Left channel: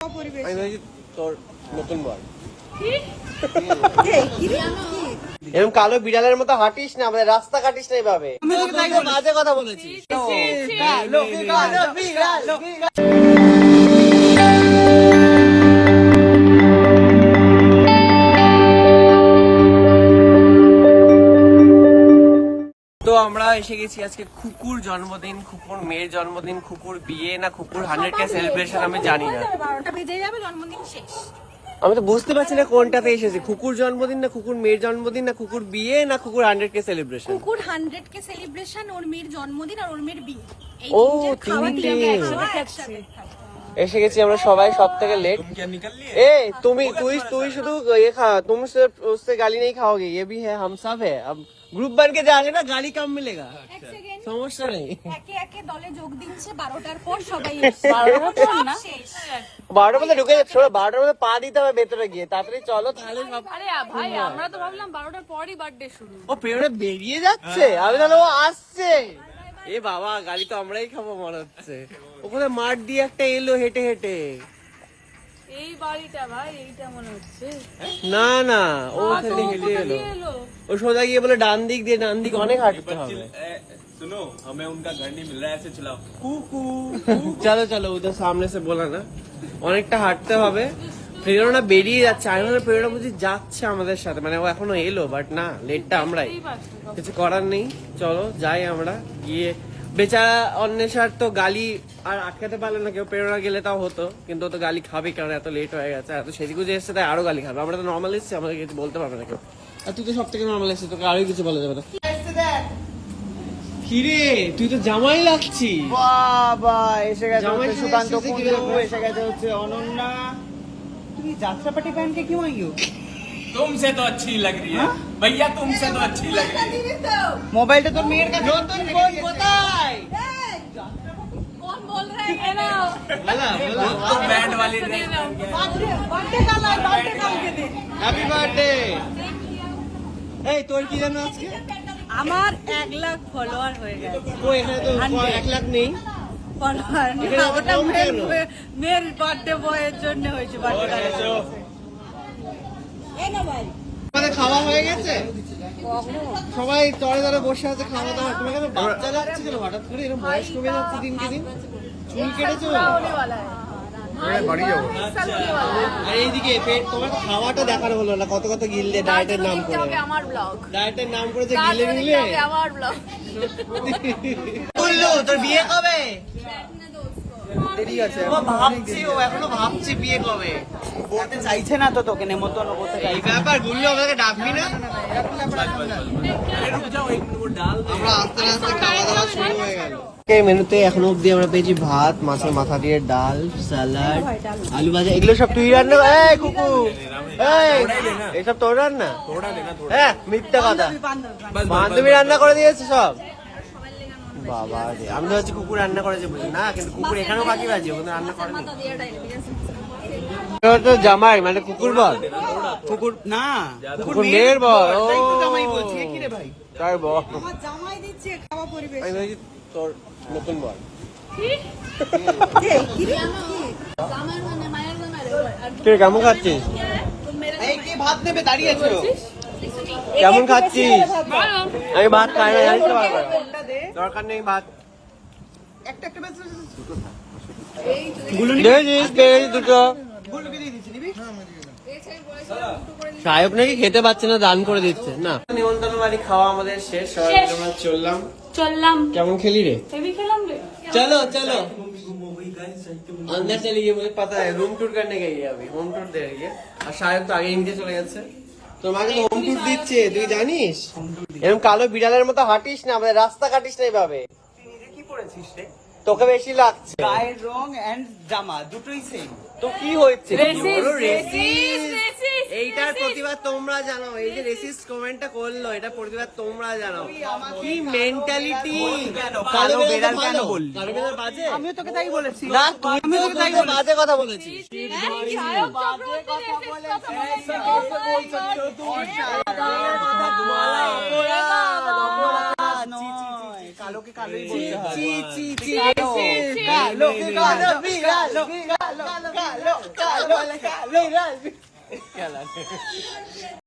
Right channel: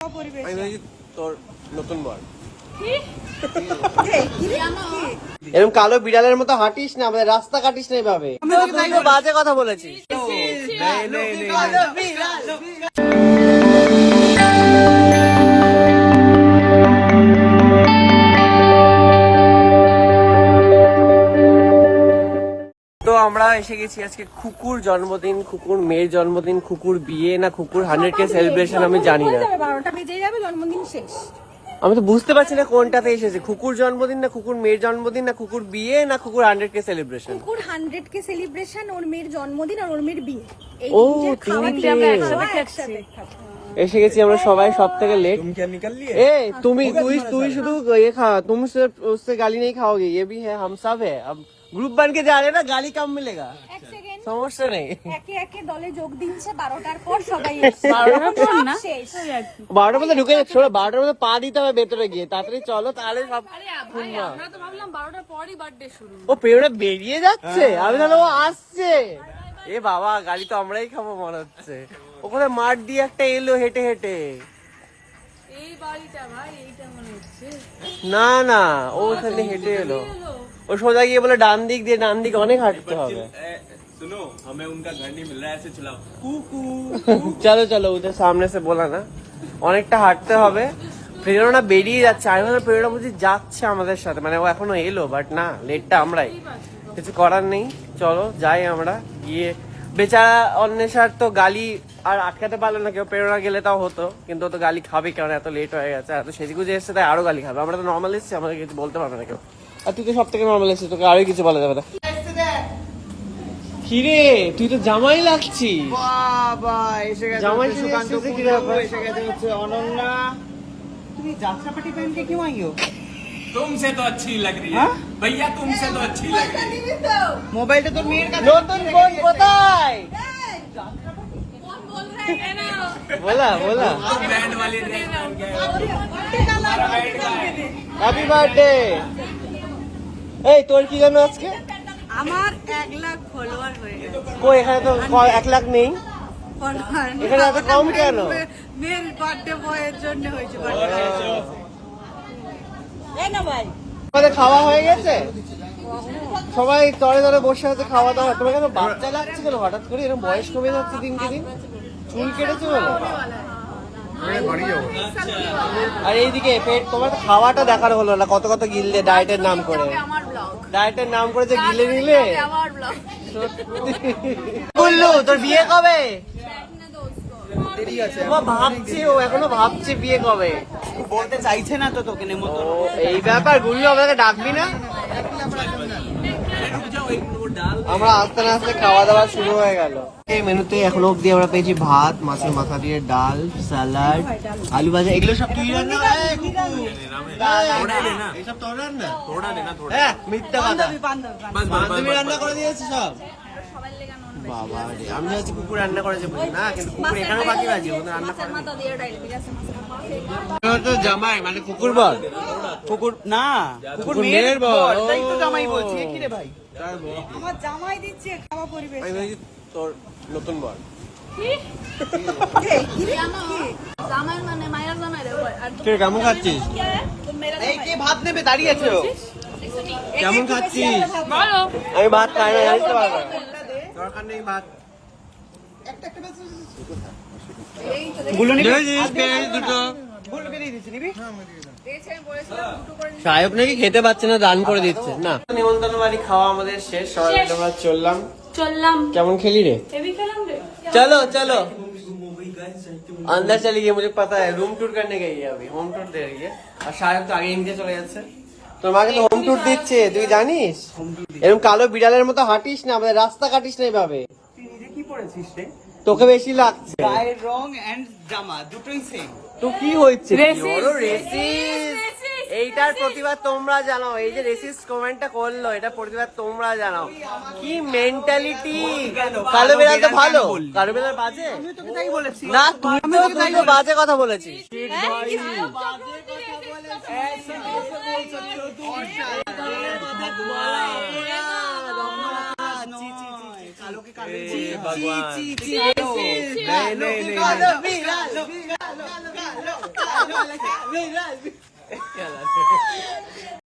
তোর নতুন বল এরকম কালো বিড়ালের মতো হাঁটিস না, রাস্তা কাটিস না এভাবে। বাজে কথা বলেছিস। তো আমরা এসে গেছি আজকে খুকুর জন্মদিন, খুকুর মেয়ের জন্মদিন, খুকুর বিয়ে না খুকুর 100K সেলিব্রেশন আমি জানি না। 12টা বেজে যাবে, জন্মদিন শেষ। আমি তো বুঝতে পারছি না কোনটাতে এসেছে, খুকুর জন্মদিন না খুকুর মেয়ের জন্মদিন না খুকুর বিয়ে না খুকুর 100K সেলিব্রেশন। খুকুর 100K সেলিব্রেশন, ওর মেয়ের জন্মদিন আর ওর মেয়ের বিয়ে, এই তিনটে খাওয়া দিলাম একসাথে। এসে গেছি আমরা সবাই সব থেকে লেট। तुम क्या निकल लिए? তুমি ये खा, तुम उससे गाली नहीं खाओगे, ये भी है, हम सब है। अब ग्रुप बन के जा रहे हैं ना, गाली कम मिलेगा, এক সেকেন্ড, সমস্যা নেই। একে একে দলে যোগ দিচ্ছে, 12টার পর সবাই এসছে, এখন সব শেষ। 12 বলে ঢুকে যাচ্ছে, 12 বলে পা দিতে হবে ভেতরে গিয়ে, তাড়াতাড়ি চলো, তাহলে সব। আরে ভাই, আমরা তো ভাবলাম 12টার পরই বার্থডে শুরু। ও পেড়ে বেরিয়ে যাচ্ছে, আসছে। এ বাবা, গাড়ি তো আমরাই খাবো মনে হচ্ছে। ওখানে মাঠ দিয়ে একটা এলো হেঁটে হেঁটে। এই বাড়িটা ভাই, এইটা মনে হচ্ছে। না না, ও ওখানে হেঁটে এলো, ও সোজা গিয়ে বলে ডান দিক দিয়ে, ডান দিকে অনেক হাঁটতে হবে। सुनो, हमें उनका घर नहीं मिल रहा है, ऐसे चलाओ कुकू। চলো চলো, ওদের সামনে সে বলা না, অনেকটা হাঁটতে হবে। প্রেরণা বেরিয়ে যাচ্ছে, আমি ভাবলাম প্রেরণা বুঝি যাচ্ছে আমাদের সাথে, মানে ও এখনো এলো, বাট না, লেটটা আমরাই, কিছু করার নেই। চলো যাই আমরা গিয়ে। বেচারা অন্বেষার তো গালি আর আটকাতে পারলো না কেউ, প্রেরণা গেলে তাও হতো, কিন্তু ও তো গালি খাবে, কারণ এত লেট হয়ে গেছে, এত সেদিকে এসছে, তাই আরো গালি খাবে। আমরা তো নর্মাল এসছি, আমাদের কিছু বলতে পারবে না কেউ। আর তুই তো সব থেকে নর্মাল এসছিস, তোকে আরো কিছু বলা যাবে না। কিরে, তুই তো জামাই লাগছিস। বাবা এসে গেছে জামাই হচ্ছে ছিঁড়ে সুকান্ত এসেছে কি কুণ্ডু, ব্যাপার? এসে গেছে হচ্ছে অনন্যা। তুমি যাত্রাপাটি প্যান্ট কে क्यों आई हो? तुमसे तो अच्छी लग रही है भैया, तुमसे तो अच्छी लग रही है। মোবাইলটা তোর মেয়ের কাছে। নতুন বোন কোথায়? कौन बोल रहा है ये ना? বলা বলা, तो बैंड वाली ड्रेस पहन के হ্যাপি বার্থডে। এই তোর কি জন্য আজকে? আমার 1 লাখ ফলোয়ার হয়ে গেছে। কই এখানে তো 1 লাখ নেই। ফলোয়ার এখানে এত কম কেন? মেয়ের বার্থডে বয়ের জন্য হয়েছে, বার্থডে এই না ভাই। আমাদের খাওয়া হয়ে গেছে, সবাই তরে তরে বসে আছে, খাওয়া দাওয়া। তোমার কেন বাচ্চা লাগছে কেন হঠাৎ করে? এরকম বয়স কমে যাচ্ছে দিনকে দিন, চুল কেটেছো? আর এইদিকে পেট, তোমার তো খাওয়াটা দেখার হলো না, কত কত গিললে ডায়েটের নাম করে, আমার ব্লগ, ডায়েটের নাম করে যে গিলে নিলে। আমার ব্লগ। কুল্লু তোর বিয়ে কবে? দেরি আছে, ভাবছি, ও এখনো ভাবছে বিয়ে কবে। বলতে চাইছে না তো তোকে নেমন্তন্ন করতে। এই ব্যাপার, গুলি আপনাকে ডাকবি না। আমরা আস্তে আস্তে খাওয়া দাওয়া শুরু হয়ে গেল। এই মেনুতে এখনো অব্দি আমরা পেয়েছি ভাত, মাছের মাথা দিয়ে ডাল, স্যালাড, আলু ভাজা। এগুলো সব তুই রান্না? এই কুকু, এইসব তোর রান্না? হ্যাঁ, মিথ্যা কথা, বান্ধবী রান্না করে দিয়েছে সব। বাবা রে, আমি তো হচ্ছে কুকুর রান্না করেছে বুঝি না, কিন্তু কুকুর এখানেও বাকি বাজি, ওখানে রান্না করেনি। তো জামাই মানে কুকুর বল, কুকুর না, কুকুর মেয়ের বল। তাই তো জামাই বলছি। কি রে ভাই, তাই বল, আমার জামাই দিচ্ছে খাওয়া পরিবেশ। আমি ভাবছি তোর নতুন বল। তুই কেমন খাচ্ছিস? এই কে ভাত নেবে দাঁড়িয়ে আছো? কেমন খাচ্ছিস? এই ভাত খাই, দরকার নেই ভাত। দেখেছিস তেল দুটো সাহেব নাকি খেতে পাচ্ছে না, দান করে দিচ্ছে না। নিমন্ত্রণ বাড়ি খাওয়া আমাদের শেষ, সবাই মিলে আমরা চললাম। কেমন খেলি রে? चलो चलो अंदर चलिए, मुझे पता है रूम टूर करने गई है, अभी होम टूर दे रही है। আর শায়ক তো আগে ইন্ডিয়া চলে যাচ্ছে, তোমাকে তো হোম টুর দিচ্ছে, তুই জানিস? এরকম কালো বিড়ালের মতো হাঁটিস না, রাস্তা কাটিস না এভাবে। তুই নিজে কি পড়েছিস রে? তোকে বেশি লাগছে। গায়ের রং এন্ড জামা দুটোই সেম। তুই কি হচ্ছে? বড় রেসিস্ট। এইটার প্রতিবাদ তোমরা জানাও, এই যে রেসিস্ট কমেন্টটা করলো, এটা প্রতিবাদ তোমরা জানাও। কি মেন্টালিটি! কালো বিড়াল তো ভালো, কালো বিড়াল বাজে? আমিও তোকে তাই বলেছি। না, তুই তো তাই বাজে কথা বলেছিস। কালোকে কালোই বলতে হয়। क्या